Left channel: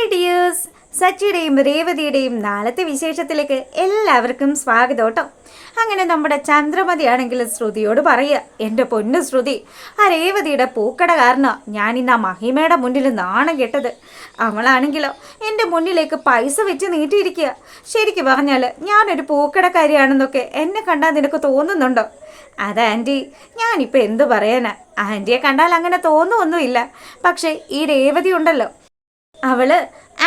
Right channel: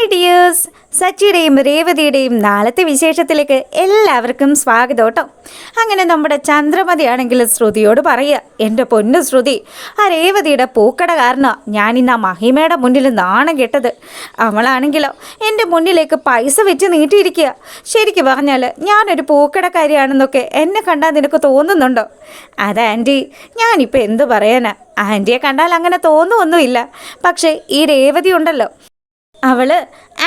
Hi dears സച്ചിയുടെയും രേവതിയുടെയും നാളത്തെ വിശേഷത്തിലേക്ക് എല്ലാവർക്കും സ്വാഗതം കേട്ടോ. അങ്ങനെ നമ്മുടെ ചന്ദ്രമതിയാണെങ്കിൽ ശ്രുതിയോട് പറയുക എന്റെ പൊന്നു ശ്രുതി ആ രേവതിയുടെ പൂക്കട കാരണം ഞാൻ ഇന്ന് ആ മഹിമയുടെ മുന്നിൽ നാണം കെട്ടത്. അവളാണെങ്കിലോ എന്റെ മുന്നിലേക്ക് പൈസ വെച്ച് നീട്ടിയിരിക്കുക. ശരിക്കും പറഞ്ഞാൽ ഞാനൊരു പൂക്കടക്കാരിയാണെന്നൊക്കെ എന്നെ കണ്ടാൽ നിനക്ക് തോന്നുന്നുണ്ടോ? അത് ആന്റി. ഞാനിപ്പോൾ എന്ത് പറയാനാ? ആന്റിയെ കണ്ടാൽ അങ്ങനെ തോന്നുമൊന്നുമില്ല പക്ഷേ ഈ രേവതി ഉണ്ടല്ലോ. അവൾ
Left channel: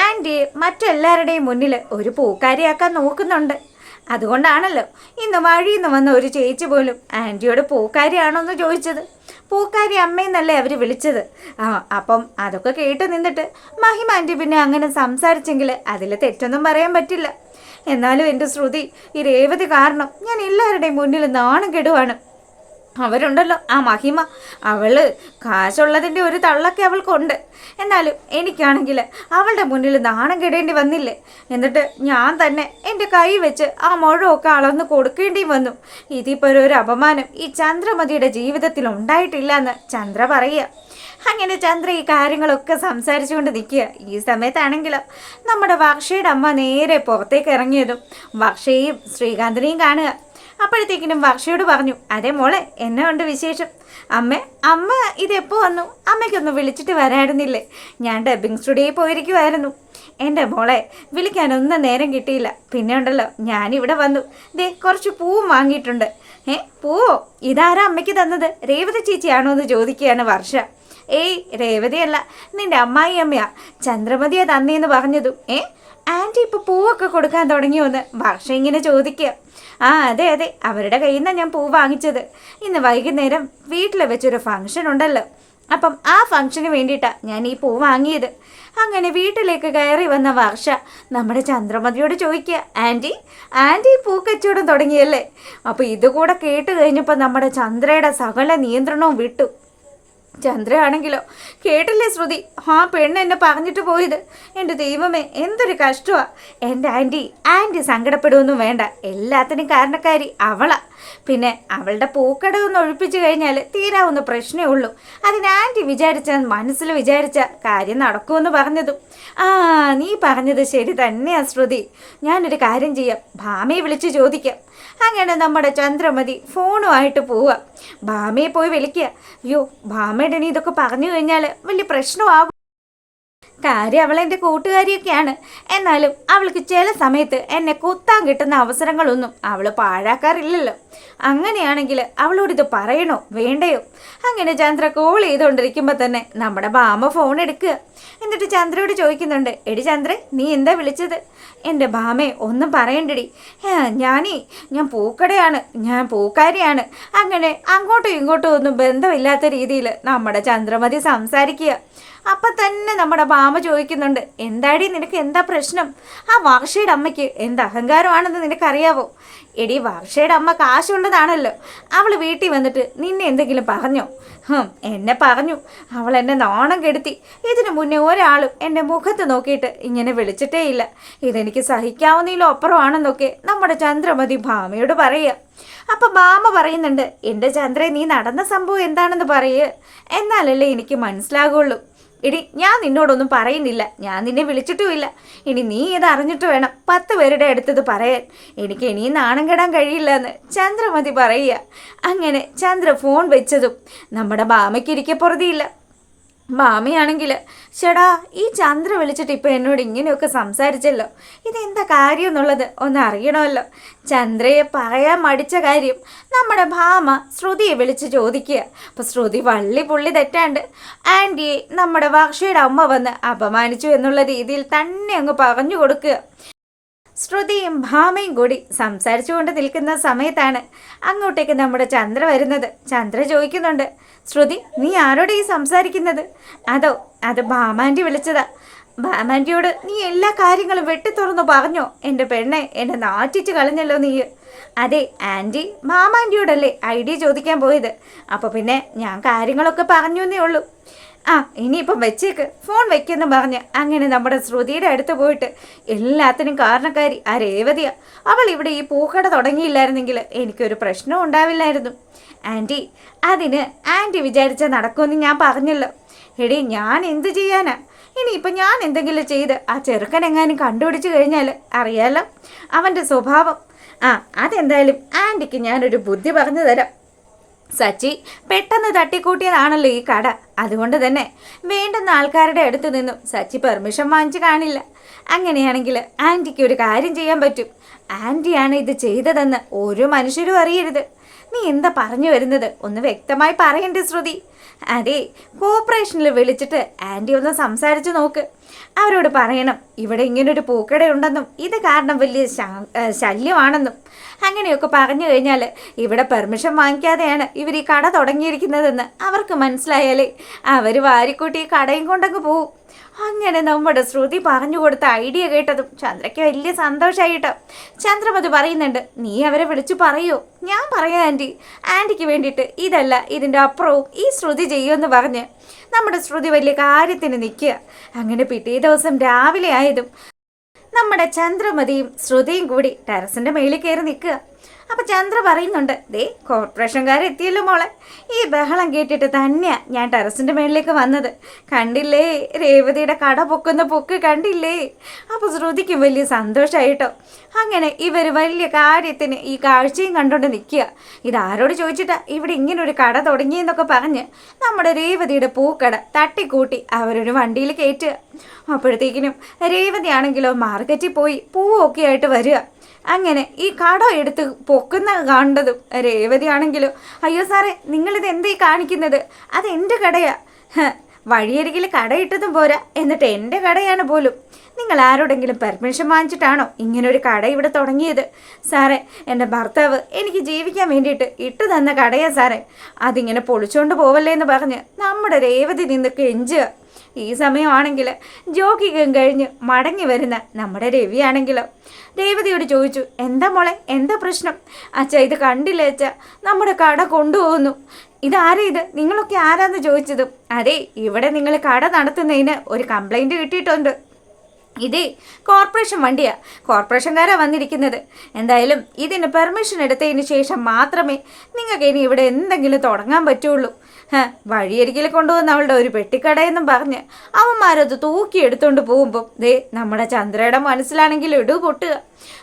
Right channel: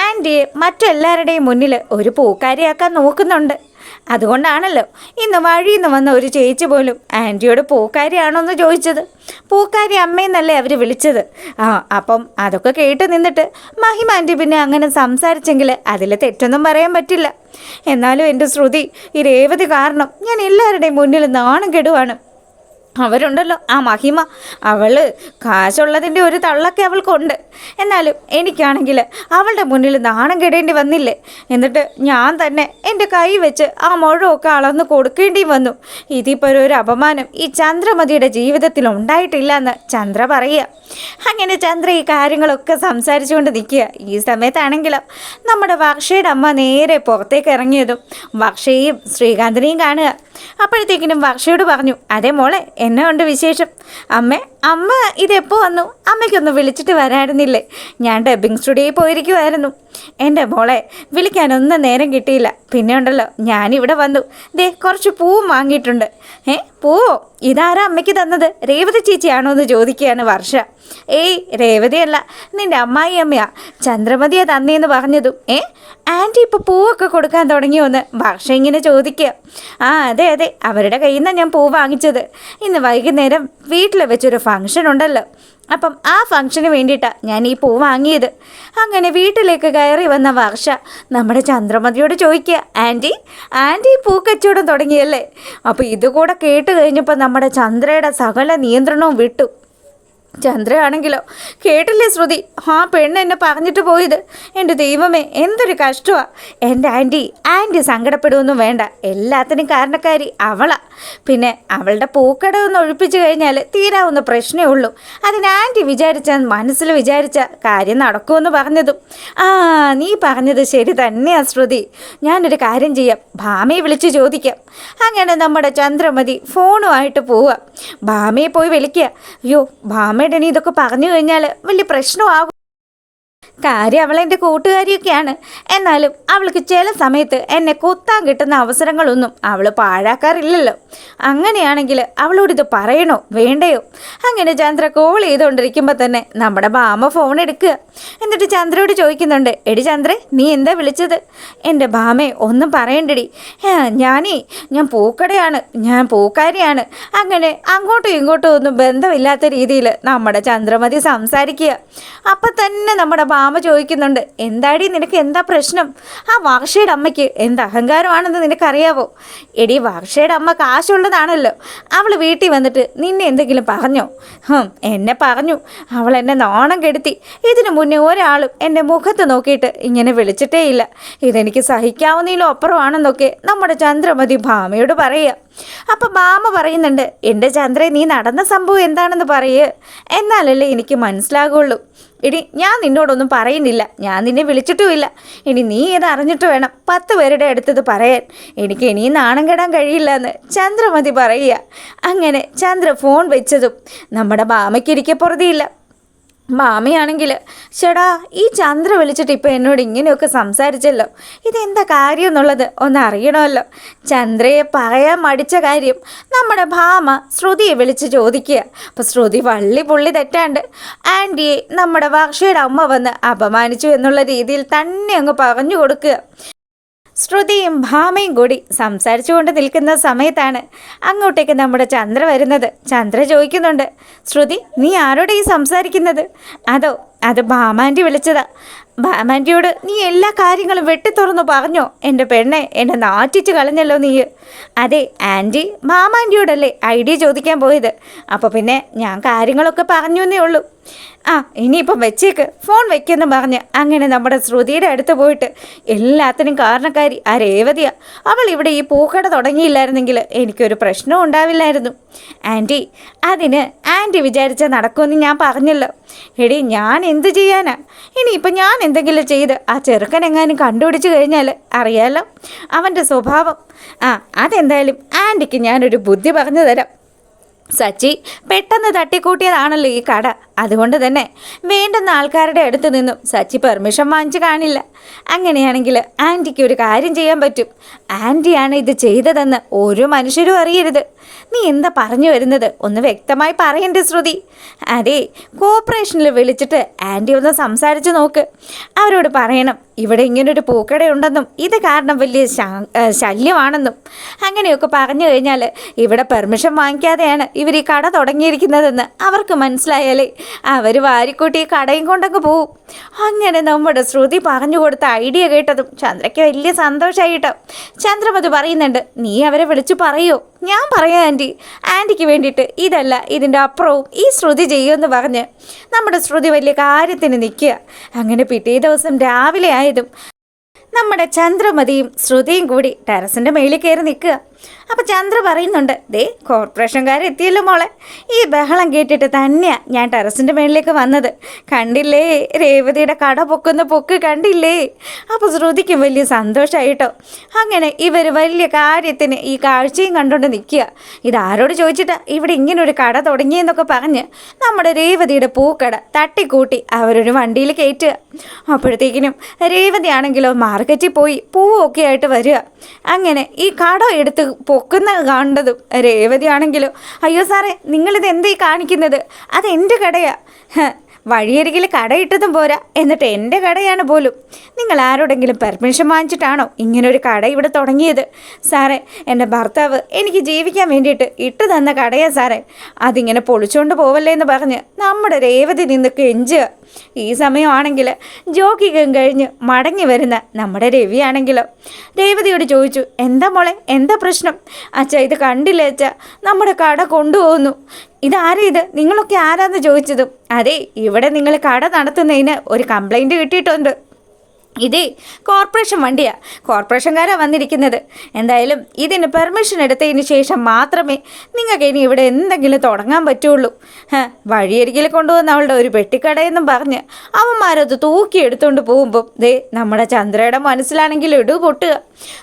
ആന്റിയെ മറ്റെല്ലാവരുടെയും മുന്നിൽ ഒരു പൂക്കാരിയാക്കാൻ നോക്കുന്നുണ്ട്. അതുകൊണ്ടാണല്ലോ ഇന്ന് വഴിയിൽ നിന്ന് വന്ന ഒരു ചേച്ചി പോലും ആന്റിയോട് പൂക്കാരിയാണോ എന്ന് ചോദിച്ചത്. പൂക്കാരി അമ്മയെന്നല്ലേ അവർ വിളിച്ചത്. ആ അപ്പം അതൊക്കെ കേട്ട് നിന്നിട്ട് മഹിമ ആന്റി പിന്നെ അങ്ങനെ സംസാരിച്ചെങ്കിൽ അതിൽ തെറ്റൊന്നും പറയാൻ പറ്റില്ല. എന്നാലും എന്റെ ശ്രുതി ഈ രേവതി കാരണം ഞാൻ എല്ലാവരുടെയും മുന്നിൽ നാണം കെടുവാണ് അവരുണ്ടല്ലോ. ആ മഹിമ. അവൾ കാശുള്ളതിന്റെ ഒരു തള്ളൊക്കെ അവൾക്കുണ്ട്. എന്നാലും എനിക്കാണെങ്കിൽ അവളുടെ മുന്നിൽ നാണം കെടേണ്ടി വന്നില്ലേ? എന്നിട്ട് ഞാൻ തന്നെ എന്റെ കൈ വെച്ച് ആ മുഴമൊക്കെ അളന്ന് കൊടുക്കേണ്ടി വന്നു. ഇതിപ്പോൾ ഒരു അപമാനം. ഈ ചന്ദ്രമതിയുടെ ജീവിതത്തിൽ ഉണ്ടായിട്ടില്ല എന്ന് ചന്ദ്ര പറയുക. അങ്ങനെ ചന്ദ്ര ഈ കാര്യങ്ങളൊക്കെ സംസാരിച്ചുകൊണ്ട് നിൽക്കുക. ഈ സമയത്താണെങ്കിലോ നമ്മുടെ വർഷയുടെ അമ്മ നേരെ പുറത്തേക്ക് ഇറങ്ങിയതും വർഷയും ശ്രീകാന്തിനെയും കാണുക. അപ്പോഴത്തേക്കിനും വർഷയോട് പറഞ്ഞു അതെ മോളെ എന്നെ ഉണ്ട് വിശേഷം? അമ്മ അമ്മ ഇതെപ്പോൾ വന്നു? അമ്മയ്ക്കൊന്ന് വിളിച്ചിട്ട് വരായിരുന്നില്ലേ? ഞാൻ ഡബിങ് സ്റ്റുഡിയോയിൽ പോയിരിക്കുമായിരുന്നു എന്റെ മോളെ വിളിക്കാനൊന്നും നേരം കിട്ടിയില്ല. പിന്നെ ഉണ്ടല്ലോ ഞാനിവിടെ വന്നു. ദേ കുറച്ച് പൂവും വാങ്ങിയിട്ടുണ്ട്. ഏ പൂവോ? ഇതാരാ അമ്മയ്ക്ക് തന്നത്? രേവതി ചേച്ചിയാണോ എന്ന് ചോദിക്കുകയാണ് വർഷ. ഏയ് രേവതിയല്ല നിന്റെ അമ്മായി അമ്മയാ ചന്ദ്രമതിയെ തന്നേന്ന് പറഞ്ഞതും ഏ? ആന്റി ഇപ്പോൾ പൂവൊക്കെ കൊടുക്കാൻ തുടങ്ങിയോന്ന് വർഷ ഇങ്ങനെ ചോദിക്കുക ആ അതെ അതെ അവരുടെ കയ്യിൽ നിന്നാണ് ഞാൻ പൂ വാങ്ങിച്ചത്. ഇന്ന് വൈകുന്നേരം വീട്ടിൽ വെച്ചൊരു ഫംഗ്ഷൻ ഉണ്ടല്ലോ. അപ്പം ആ ഫംഗ്ഷന് വേണ്ടിയിട്ടാണ് ഞാൻ ഈ പൂ വാങ്ങിയത്. അങ്ങനെ വീട്ടിലേക്ക് കയറി വന്ന വർഷ നമ്മുടെ ചന്ദ്രമതിയോട് ചോദിക്കുക ആന്റി ആന്റി പൂ കച്ചവടം തുടങ്ങിയല്ലേ? അപ്പോൾ ഇതുകൂടെ കേട്ട് കഴിഞ്ഞപ്പോൾ നമ്മുടെ ചന്ദ്രയുടെ സകല നിയന്ത്രണവും വിട്ടു. ചന്ദ്രയാണെങ്കിലോ? കേട്ടില്ലേ ശ്രുതി? ആ പെണ്ണ് എന്നെ പറഞ്ഞിട്ട് പോയത്. എന്റെ ദൈവമേ എന്തൊരു കഷ്ടമാ എന്റെ ആന്റി ആന്റി സങ്കടപ്പെടുമൊന്നും വേണ്ട. എല്ലാത്തിനും കാരണക്കാരി അവളാ. പിന്നെ അവളുടെ പൂക്കട ഒഴിപ്പിച്ചു കഴിഞ്ഞാൽ തീരാവുന്ന പ്രശ്നമേ ഉള്ളൂ. അതിന് ആന്റി വിചാരിച്ച മനസ്സിൽ വിചാരിച്ച കാര്യം നടക്കുമെന്ന് പറഞ്ഞതും. ആ നീ പറഞ്ഞത് ശരി തന്നെയാ ശ്രുതി. ഞാനൊരു കാര്യം ചെയ്യാം. ഭാമയെ വിളിച്ച് ചോദിക്കാം. അങ്ങനെ നമ്മുടെ ചന്ദ്രമതി ഫോണുമായിട്ട് പോവാം. ഭാമയെ പോയി വിളിക്കുക. അയ്യോ ഇനി ഇതൊക്കെ പറഞ്ഞു കഴിഞ്ഞാൽ വലിയ പ്രശ്നമാകും. കാര്യം അവളെന്റെ കൂട്ടുകാരിയൊക്കെയാണ്. എന്നാലും അവൾക്ക് ചില സമയത്ത് എന്നെ കൊത്താൻ കിട്ടുന്ന അവസരങ്ങളൊന്നും അവൾ പാഴാക്കാറില്ലല്ലോ. അങ്ങനെയാണെങ്കിൽ അവളോട് ഇത് പറയണോ? വേണ്ടയോ? അങ്ങനെ ചന്ദ്ര കോൾ ചെയ്തുകൊണ്ടിരിക്കുമ്പോൾ തന്നെ നമ്മുടെ ബാമ ഫോൺ എടുക്കുക. എന്നിട്ട് ചന്ദ്രയോട് ചോദിക്കുന്നുണ്ട് എടി ചന്ദ്രേ നീ എന്താ വിളിച്ചത്? എന്റെ ബാമേ ഒന്നും പറയണ്ടടി. "ആ, ഞാനേ ഞാൻ പൂക്കടയാണ് ഞാൻ പൂക്കാരിയാണ്. അങ്ങനെ അങ്ങോട്ടും ഇങ്ങോട്ടും ഒന്നും ബന്ധമില്ലാത്ത രീതിയിൽ നമ്മുടെ ചന്ദ്രമതി സംസാരിക്കുക. അപ്പം തന്നെ നമ്മുടെ ചോദിക്കുന്നുണ്ട് എന്താടി നിനക്ക് എന്താ പ്രശ്നം? ആ വാർഷയുടെ അമ്മയ്ക്ക് എന്ത് അഹങ്കാരമാണെന്ന് നിനക്കറിയാവോ? എടി വാർഷയുടെ അമ്മ കാശുള്ളതാണല്ലോ. അവൾ വീട്ടിൽ വന്നിട്ട് നിന്നെ എന്തെങ്കിലും പറഞ്ഞോ? ഹും എന്നെ പറഞ്ഞു. അവൾ എന്നെ നാണം കെടുത്തി. ഇതിനു മുന്നേ ഒരാളും എന്റെ മുഖത്ത് നോക്കിയിട്ട് ഇങ്ങനെ വിളിച്ചിട്ടേ ഇല്ല ഇതെനിക്ക് സഹിക്കാവുന്നതിലും അപ്പുറമാണെന്നൊക്കെ നമ്മുടെ ചന്ദ്രമതി ഭാമയോട് പറയുക. അപ്പം ഭാമ പറയുന്നുണ്ട് എന്റെ ചന്ദ്രൻ നീ നടന്ന സംഭവം എന്താണെന്ന് പറയേ. എന്നാലല്ലേ എനിക്ക് മനസ്സിലാകുള്ളൂ. ഇനി ഞാൻ നിന്നോടൊന്നും പറയുന്നില്ല. ഞാൻ നിന്നെ വിളിച്ചിട്ടുമില്ല. ഇനി നീ ഇത് അറിഞ്ഞിട്ട് വേണം പത്ത് പേരുടെ അടുത്തത് പറയാൻ. എനിക്ക് ഇനിയും നാണം കെടാൻ കഴിയില്ല എന്ന് ചന്ദ്രമതി പറയുക. അങ്ങനെ ചന്ദ്ര ഫോൺ വെച്ചതും നമ്മുടെ ഭാമയ്ക്ക് പൊറുതിയില്ല. മാമയാണെങ്കിൽ ചേടാ ഈ ചന്ദ്ര വിളിച്ചിട്ട് ഇപ്പോൾ എന്നോട് ഇങ്ങനെയൊക്കെ സംസാരിച്ചല്ലോ. ഇതെന്താ കാര്യം എന്നുള്ളത് ഒന്ന് അറിയണമല്ലോ. ചന്ദ്രയെ പറയാൻ മടിച്ച കാര്യം നമ്മുടെ ഭാമ ശ്രുതിയെ വിളിച്ച് ചോദിക്കുക. അപ്പോൾ ശ്രുതി വള്ളി പുള്ളി തെറ്റാണ്ട് ആന്റിയെ നമ്മുടെ വാക്ഷയുടെ അമ്മ വന്ന് അപമാനിച്ചു എന്നുള്ള രീതിയിൽ തന്നെ അങ്ങ് പറഞ്ഞു കൊടുക്കുക. ശ്രുതിയും ഭാമയും കൂടി സംസാരിച്ചുകൊണ്ട് നിൽക്കുന്ന സമയത്താണ് അങ്ങോട്ടേക്ക് നമ്മുടെ ചന്ദ്ര വരുന്നത്. ചന്ദ്ര ചോദിക്കുന്നുണ്ട് ശ്രുതി നീ ആരോടെ ഈ സംസാരിക്കുന്നത്? അതോ അത് ഭാമാന്റെ വിളിച്ചതാ. ഭാമാന്റിയോട് നീ എല്ലാ കാര്യങ്ങളും വെട്ടിത്തുറന്നു പറഞ്ഞോ? എന്റെ പെണ്ണെ എന്നെ നാറ്റിച്ച് കളഞ്ഞല്ലോ നീ. അതെ ആന്റി ഭാമാന്റിയോടല്ലേ ഐഡിയ ചോദിക്കാൻ പോയത്. അപ്പോൾ പിന്നെ ഞാൻ കാര്യങ്ങളൊക്കെ പറഞ്ഞു എന്നേ ഉള്ളൂ. ആ ഇനിയിപ്പം വെച്ചേക്ക്. ഫോൺ വെക്കെന്ന് പറഞ്ഞ് അങ്ങനെ നമ്മുടെ ശ്രുതിയുടെ അടുത്ത് പോയിട്ട് എല്ലാത്തിനും കാരണക്കാരി ആ രേവതിയാ. അവൾ ഇവിടെ ഈ പൂക്കട തുടങ്ങിയില്ലായിരുന്നെങ്കിൽ എനിക്കൊരു പ്രശ്നവും ഉണ്ടാവില്ലായിരുന്നു. ആന്റി അതിന് ആന്റി വിചാരിച്ചാൽ നടക്കുമെന്ന് ഞാൻ പറഞ്ഞല്ലോ. എടി ഞാൻ എന്ത് ചെയ്യാനാ? ഇനിയിപ്പം ഞാൻ എന്തെങ്കിലും ചെയ്ത് ആ ചെറുക്കൻ എങ്ങാനും കണ്ടുപിടിച്ചു കഴിഞ്ഞാൽ അറിയാലോ അവന്റെ സ്വഭാവം. ആ അതെന്തായാലും ആന്റിക്ക് ഞാനൊരു ബുദ്ധി പറഞ്ഞു തരാം. സച്ചി പെട്ടെന്ന് തട്ടിക്കൂട്ടിയതാണല്ലോ ഈ കട. അതുകൊണ്ട് തന്നെ വേണ്ടുന്ന ആൾക്കാരുടെ അടുത്ത് നിന്നും സച്ചി പെർമിഷൻ വാങ്ങിച്ചു കാണില്ല. അങ്ങനെയാണെങ്കിൽ ആന്റിക്ക് ഒരു കാര്യം ചെയ്യാൻ പറ്റും. ആന്റിയാണ് ഇത് ചെയ്തതെന്ന് ഒരു മനുഷ്യരും അറിയരുത്. നീ എന്താ പറഞ്ഞു വരുന്നത്? ഒന്ന് വ്യക്തമായി പറയണ്ടേ ശ്രുതി. അതെ കോർപ്പറേഷനിൽ വിളിച്ചിട്ട് ആന്റി ഒന്ന് സംസാരിച്ച് നോക്ക്. അവരോട് പറയണം ഇവിടെ ഇങ്ങനൊരു പൂക്കടയുണ്ടെന്നും ഇത് കാരണം വലിയ ശല്യമാണെന്നും. അങ്ങനെയൊക്കെ പറഞ്ഞു കഴിഞ്ഞാൽ ഇവിടെ പെർമിഷൻ വാങ്ങിക്കാതെയാണ് ഇവർ ഈ കട തുടങ്ങിയിരിക്കുന്നതെന്ന് അവർക്ക് മനസ്സിലായാലേ അവർ വാരിക്കൂട്ടി കടയും കൊണ്ടങ്ങ് പോവും. അങ്ങനെ നമ്മുടെ ശ്രുതി പറഞ്ഞു കൊടുത്ത ഐഡിയ കേട്ടതും ചന്ദ്രയ്ക്ക് വലിയ സന്തോഷമായിട്ടോ ചന്ദ്രമതി പറയുന്നുണ്ട് നീ അവരെ വിളിച്ചു പറയോ. ഞാൻ പറയാം ആന്റി. ആന്റിക്ക് വേണ്ടിയിട്ട് ഇതല്ല ഇതിന്റെ അപ്പുറവും ഈ ശ്രുതി ചെയ്യുമെന്ന് പറഞ്ഞ് നമ്മുടെ ശ്രുതി വലിയ കാര്യത്തിന് നിൽക്കുക. അങ്ങനെ പിറ്റേ ദിവസം രാവിലെ ആയതും നമ്മുടെ ചന്ദ്രമതിയും ശ്രുതിയും കൂടി ടെറസിന്റെ മേളിൽ കയറി നിൽക്കുക. അപ്പോൾ ചന്ദ്ര പറയുന്നുണ്ട് ദേ കോർപ്പറേഷൻകാരെത്തിയല്ലോ മോളെ. ഈ ബഹളം കേട്ടിട്ട് തന്നെയാ ഞാൻ ടെറസിന്റെ മേളിലേക്ക് വന്നത്. കണ്ടില്ലേ? രേവതിയുടെ കട പൊക്കുന്ന പൊക്ക് കണ്ടില്ലേ? അപ്പോൾ ശ്രുതിക്കും വലിയ സന്തോഷമായിട്ടോ അങ്ങനെ ഇവർ വലിയ കാര്യത്തിന് ഈ കാഴ്ചയും കണ്ടുകൊണ്ട് നിൽക്കുക. ഇതാരോട് ചോദിച്ചിട്ടാ ഇവിടെ ഇങ്ങനെ ഒരു കട തുടങ്ങിയെന്നൊക്കെ പറഞ്ഞ് നമ്മുടെ രേവതിയുടെ പൂക്കട തട്ടിക്കൂട്ടി അവരൊരു വണ്ടിയിൽ കയറ്റുക. അപ്പോഴത്തേക്കിനും രേവതിയാണെങ്കിലോ മാർക്കറ്റിൽ പോയി പൂവൊക്കെ ആയിട്ട് വരിക. അങ്ങനെ ഈ കട എടുത്ത് പൊക്കുന്ന കാണേണ്ടതും രേവതി ആണെങ്കിലോ അയ്യോ സാറേ നിങ്ങളിത് എന്തേ കാണിക്കുന്നത്? അത് എന്റെ കടയാ. വഴിയരികിൽ കടയിട്ടതും പോരാ. എന്നിട്ട് എന്റെ കടയാണ് പോലും. നിങ്ങൾ ആരോടെങ്കിലും പെർമിഷൻ വാങ്ങിച്ചിട്ടാണോ ഇങ്ങനൊരു കട ഇവിടെ തുടങ്ങിയത്? സാറേ എന്റെ ഭർത്താവ് എനിക്ക് ജീവിക്കാൻ വേണ്ടിയിട്ട് ഇട്ട് തന്ന കടയാ സാറേ. അതിങ്ങനെ പൊളിച്ചുകൊണ്ട് പോവല്ലേ എന്ന് പറഞ്ഞ് നമ്മുടെ രേവതി നിന്ന് കെഞ്ചുക. ഈ സമയമാണെങ്കിൽ ജോക്കിക്കും കഴിഞ്ഞ് മടങ്ങി വരുന്ന നമ്മുടെ രവിയാണെങ്കിലോ. രേവതിയോട് ചോദിച്ചു എന്താ മോളെ എന്താ പ്രശ്നം? അച്ഛ ഇത് കണ്ടില്ല അച്ഛ നമ്മുടെ കട കൊണ്ടുപോകുന്നു. ഇതാരാ ഇത്? നിങ്ങളൊക്കെ ആരാന്ന് ചോദിച്ചതും? അതെ ഇവിടെ നിങ്ങൾ കട നടത്തുന്നതിന് ഒരു കംപ്ലൈന്റ് കിട്ടിയിട്ടുണ്ട്. ഇതേ കോർപ്പറേഷൻ വണ്ടിയാ. കോർപ്പറേഷൻകാരാ വന്നിരിക്കുന്നത്. എന്തായാലും ഇതിന് പെർമിഷൻ എടുത്തതിന് ശേഷം മാത്രമേ നിങ്ങൾക്ക് ഇനി ഇവിടെ എന്തെങ്കിലും തുടങ്ങാൻ പറ്റുള്ളൂ. വഴിയരികിൽ കൊണ്ടുവന്ന അവളുടെ ഒരു പെട്ടിക്കടയെന്നും പറഞ്ഞ് അവന്മാരത് തൂക്കി എടുത്തുകൊണ്ട് പോകുമ്പോൾ ദേ നമ്മുടെ ചന്ദ്രയുടെ മനസ്സിലാണെങ്കിൽ ഇടു പൊട്ടുക.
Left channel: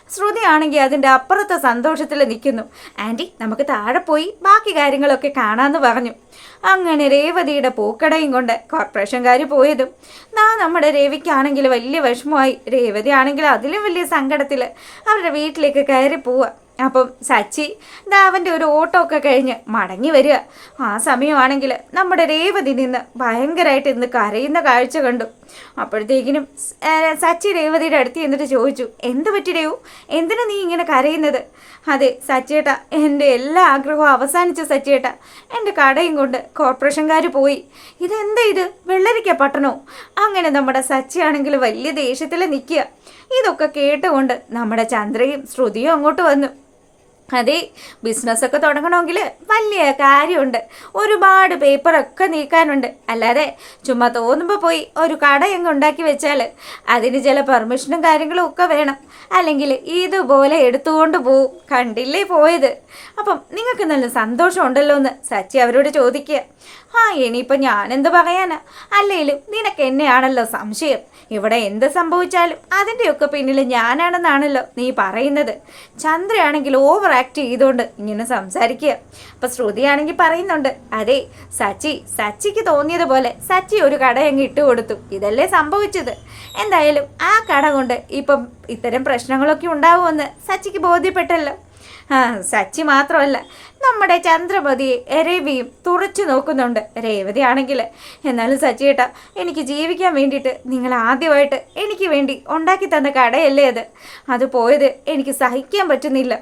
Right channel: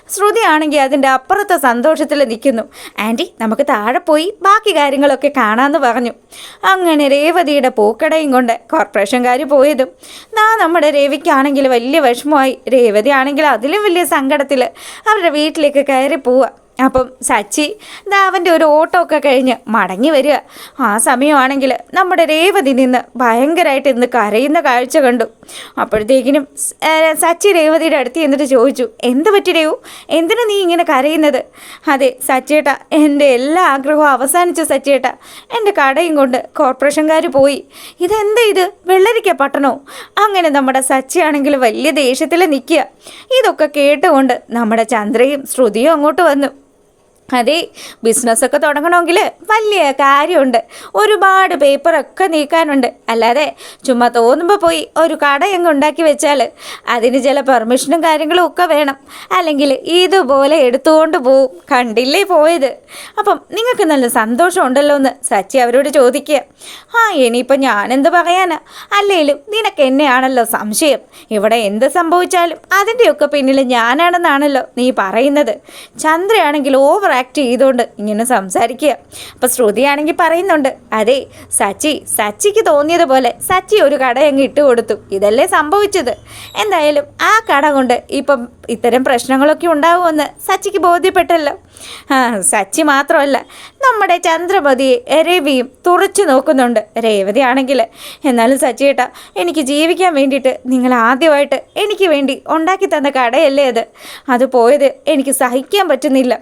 ശ്രുതിയാണെങ്കിൽ അതിന്റെ അപ്പുറത്തെ സന്തോഷത്തിൽ നിൽക്കുന്നു. ആന്റി നമുക്ക് താഴെ പോയി ബാക്കി കാര്യങ്ങളൊക്കെ കാണാമെന്ന് പറഞ്ഞു. അങ്ങനെ രേവതിയുടെ പൂക്കടയും കൊണ്ട് കോർപ്പറേഷൻകാർ പോയതും നാ നമ്മുടെ രേവിക്കാണെങ്കിൽ വലിയ വിഷമമായി രേവതി ആണെങ്കിൽ അതിലും വലിയ സങ്കടത്തിൽ അവരുടെ വീട്ടിലേക്ക് കയറി പോവുക. അപ്പം സച്ചി ദാ അവന്റെ ഒരു ഓട്ടോ ഒക്കെ കഴിഞ്ഞ് മടങ്ങി വരിക. ആ സമയമാണെങ്കിൽ നമ്മുടെ രേവതി നിന്ന് ഭയങ്കരമായിട്ട് ഇന്ന് കരയുന്ന കാഴ്ച കണ്ടു. അപ്പോഴത്തേക്കിനും സച്ചി രേവതിയുടെ അടുത്ത് എന്നിട്ട് ചോദിച്ചു എന്ത് പറ്റി രേവു എന്തിനാ നീ ഇങ്ങനെ കരയുന്നത്? അതെ സച്ചേട്ട എന്റെ എല്ലാ ആഗ്രഹവും അവസാനിച്ച സച്ചേട്ട. എന്റെ കടയും കൊണ്ട് കോർപ്പറേഷൻകാർ പോയി. ഇതെന്താ ഇത്? വെള്ളരിക്ക പട്ടണോ? അങ്ങനെ നമ്മുടെ സച്ചിയാണെങ്കിൽ വലിയ ദേഷ്യത്തിൽ നിൽക്കുക. ഇതൊക്കെ കേട്ടുകൊണ്ട് നമ്മുടെ ചന്ദ്രയും ശ്രുതിയും അങ്ങോട്ട് വന്നു. അതെ ബിസിനസ്സൊക്കെ തുടങ്ങണമെങ്കിൽ വലിയ കാര്യമുണ്ട്. ഒരുപാട് പേപ്പറൊക്കെ നീക്കാനുണ്ട്. അല്ലാതെ ചുമ്മാ തോന്നുമ്പോൾ പോയി ഒരു കട അങ്ങ് ഉണ്ടാക്കി വെച്ചാൽ അതിന് ചില പെർമിഷനും കാര്യങ്ങളും ഒക്കെ വേണം. അല്ലെങ്കിൽ ഇതുപോലെ എടുത്തുകൊണ്ട് പോവും. കണ്ടില്ലേ പോയത്? അപ്പം നിങ്ങൾക്ക് നല്ല സന്തോഷമുണ്ടല്ലോ എന്ന് സച്ചി അവരോട് ചോദിക്കുക. ആ ഇനിയിപ്പോൾ ഞാനെന്ത് പറയാനാ? അല്ലെങ്കിലും നിനക്ക് എന്നെയാണല്ലോ സംശയം. ഇവിടെ എന്ത് സംഭവിച്ചാലും അതിന്റെയൊക്കെ പിന്നിൽ ഞാനാണെന്നാണല്ലോ നീ പറയുന്നത്. ചന്ദ്രയാണെങ്കിൽ ഓവർ ആക്ട് ചെയ്തുകൊണ്ട് ഇങ്ങനെ സംസാരിക്കുക. അപ്പോൾ ശ്രുതിയാണെങ്കിൽ പറയുന്നുണ്ട് അതെ സച്ചി സച്ചിക്ക് തോന്നിയതുപോലെ സച്ചി ഒരു കട അങ്ങ് ഇട്ട് കൊടുത്തു. ഇതല്ലേ സംഭവിച്ചത്. എന്തായാലും ആ കട കൊണ്ട് ഇപ്പം ഇത്തരം പ്രശ്നങ്ങളൊക്കെ ഉണ്ടാകുമെന്ന് സച്ചിക്ക് ബോധ്യപ്പെട്ടല്ലോ. ആ സച്ചി മാത്രമല്ല നമ്മുടെ ചന്ദ്രമതിയെ രവിയും തുറച്ചു നോക്കുന്നുണ്ട്. രേവതി ആണെങ്കിൽ എന്നാലും സച്ചിയേട്ടാ എനിക്ക് ജീവിക്കാൻ വേണ്ടിയിട്ട് നിങ്ങൾ ആദ്യമായിട്ട് എനിക്ക് വേണ്ടി ഉണ്ടാക്കി തന്ന കടയല്ലേ അത്? അത് പോയത് എനിക്ക് സഹിക്കാൻ പറ്റുന്നില്ല.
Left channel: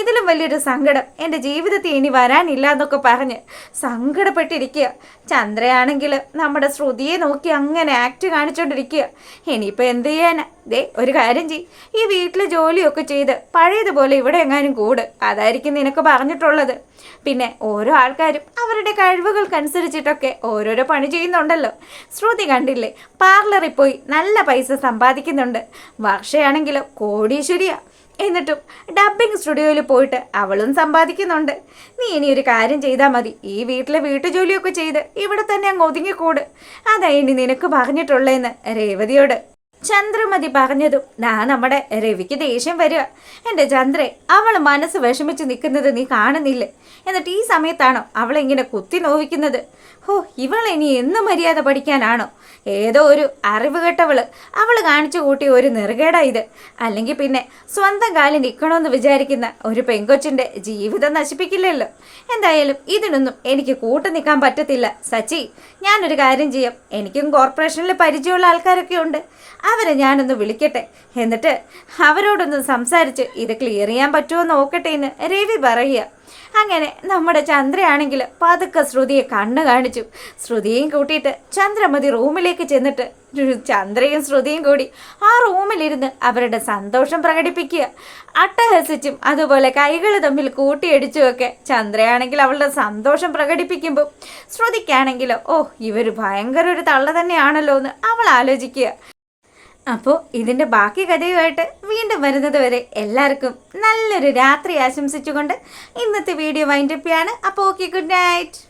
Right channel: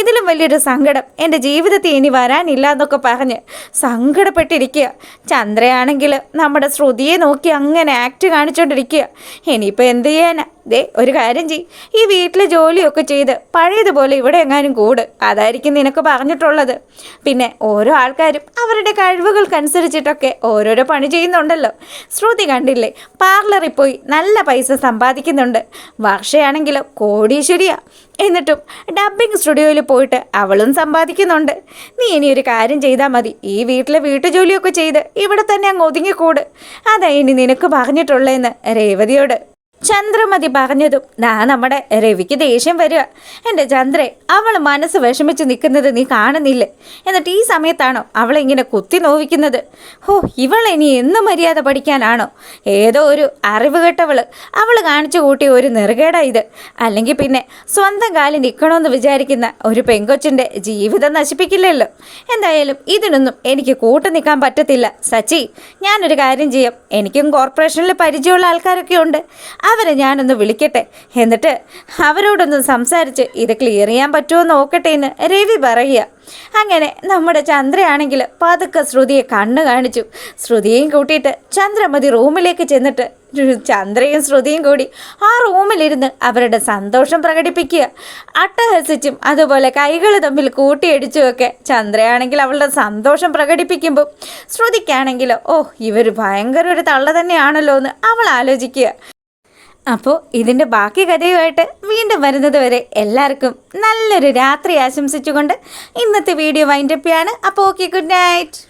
ഇതിലും വലിയൊരു സങ്കടം. എന്റെ ജീവിതത്തിൽ ഇനി വരാനില്ല എന്നൊക്കെ പറഞ്ഞ് സങ്കടപ്പെട്ടിരിക്കുക. ചന്ദ്രയാണെങ്കിൽ നമ്മുടെ ശ്രുതിയെ നോക്കി അങ്ങനെ ആക്ട് കാണിച്ചുകൊണ്ടിരിക്കുക ഇനിയിപ്പോൾ എന്ത് ചെയ്യാനാ? ദേ ഒരു കാര്യം ചെയ് ഈ വീട്ടിലെ ജോലിയൊക്കെ ചെയ്ത് പഴയതുപോലെ ഇവിടെ എങ്ങാനും കൂട്. അതായിരിക്കും നിനക്ക് പറഞ്ഞിട്ടുള്ളത്. പിന്നെ ഓരോ ആൾക്കാരും അവരുടെ കഴിവുകൾക്കനുസരിച്ചിട്ടൊക്കെ ഓരോരോ പണി ചെയ്യുന്നുണ്ടല്ലോ. ശ്രുതി കണ്ടില്ലേ? പാർലറിൽ പോയി നല്ല പൈസ സമ്പാദിക്കുന്നുണ്ട്. വർഷയാണെങ്കിലോ കോടീശ്വരിയാ. എന്നിട്ടും ഡബ്ബിംഗ് സ്റ്റുഡിയോയിൽ പോയിട്ട് അവളും സമ്പാദിക്കുന്നുണ്ട്. നീ ഇനി ഒരു കാര്യം ചെയ്താൽ മതി. ഈ വീട്ടിലെ വീട്ടുജോലിയൊക്കെ ചെയ്ത് ഇവിടെ തന്നെ അങ്ങ് ഒതുങ്ങിക്കൂട്. അതാ ഇനി നിനക്ക് പറഞ്ഞിട്ടുള്ളതെന്ന് രേവതിയോട്. ചന്ദ്രമതി പറഞ്ഞതും ദാ നമ്മുടെ രവിക്ക് ദേഷ്യം വരിക. എന്റെ ചന്ദ്രേ അവൾ മനസ്സ് വിഷമിച്ച് നിൽക്കുന്നത് നീ കാണുന്നില്ലേ? എന്നിട്ട് ഈ സമയത്താണോ അവളെ ഇങ്ങനെ കുത്തി നോവിക്കുന്നത്? ഹോ ഇവൾ ഇനി എന്ന് മര്യാദ പഠിക്കാനാണോ? ഏതോ ഒരു അറിവ് കെട്ടവൾ അവൾ കാണിച്ചു കൂട്ടിയ ഒരു നെറുകേടാ ഇത്. അല്ലെങ്കിൽ പിന്നെ സ്വന്തം കാലിൽ നിൽക്കണമെന്ന് വിചാരിക്കുന്ന ഒരു പെങ്കൊച്ചിന്റെ ജീവിതം നശിപ്പിക്കില്ലല്ലോ. എന്തായാലും ഇതിനൊന്നും എനിക്ക് കൂട്ടു നിൽക്കാൻ പറ്റത്തില്ല. സച്ചി ഞാനൊരു കാര്യം ചെയ്യാം. എനിക്കും കോർപ്പറേഷനിൽ പരിചയമുള്ള ആൾക്കാരൊക്കെ ഉണ്ട്. അവരെ ഞാനൊന്ന് വിളിക്കട്ടെ. എന്നിട്ട് അവരോടൊന്ന് സംസാരിച്ച് ഇത് ക്ലിയർ ചെയ്യാൻ പറ്റുമോ നോക്കട്ടെ എന്ന് രവി പറയുക. അങ്ങനെ നമ്മുടെ ചന്ദ്രയാണെങ്കിൽ പതുക്കെ ശ്രുതിയെ കണ്ണ് കാണിച്ചു. ശ്രുതിയെയും കൂട്ടിയിട്ട് ചന്ദ്രമതി റൂമിലേക്ക് ചെന്നിട്ട് ചന്ദ്രയും ശ്രുതിയും കൂടി ആ റൂമിലിരുന്ന് അവരുടെ സന്തോഷം പ്രകടിപ്പിക്കുക. അട്ടഹസിച്ചും അതുപോലെ കൈകൾ തമ്മിൽ കൂട്ടിയടിച്ചുമൊക്കെ ചന്ദ്രയാണെങ്കിൽ അവളുടെ സന്തോഷം പ്രകടിപ്പിക്കുമ്പോൾ ശ്രുതിക്കാണെങ്കിൽ ഓ ഇവർ ഭയങ്കര ഒരു തള്ള തന്നെയാണല്ലോ എന്ന് അവൾ ആലോചിക്കുക. അപ്പോൾ ഇതിന്റെ ബാക്കി കഥയുമായിട്ട് വീണ്ടും വരുന്നത് വരെ എല്ലാവർക്കും നല്ലൊരു രാത്രി ആശംസിച്ചുകൊണ്ട് ഇന്നത്തെ വീഡിയോ വൈൻഡപ്പിയാണ് അപ്പോൾ ഓക്കെ ഗുഡ് നൈറ്റ്.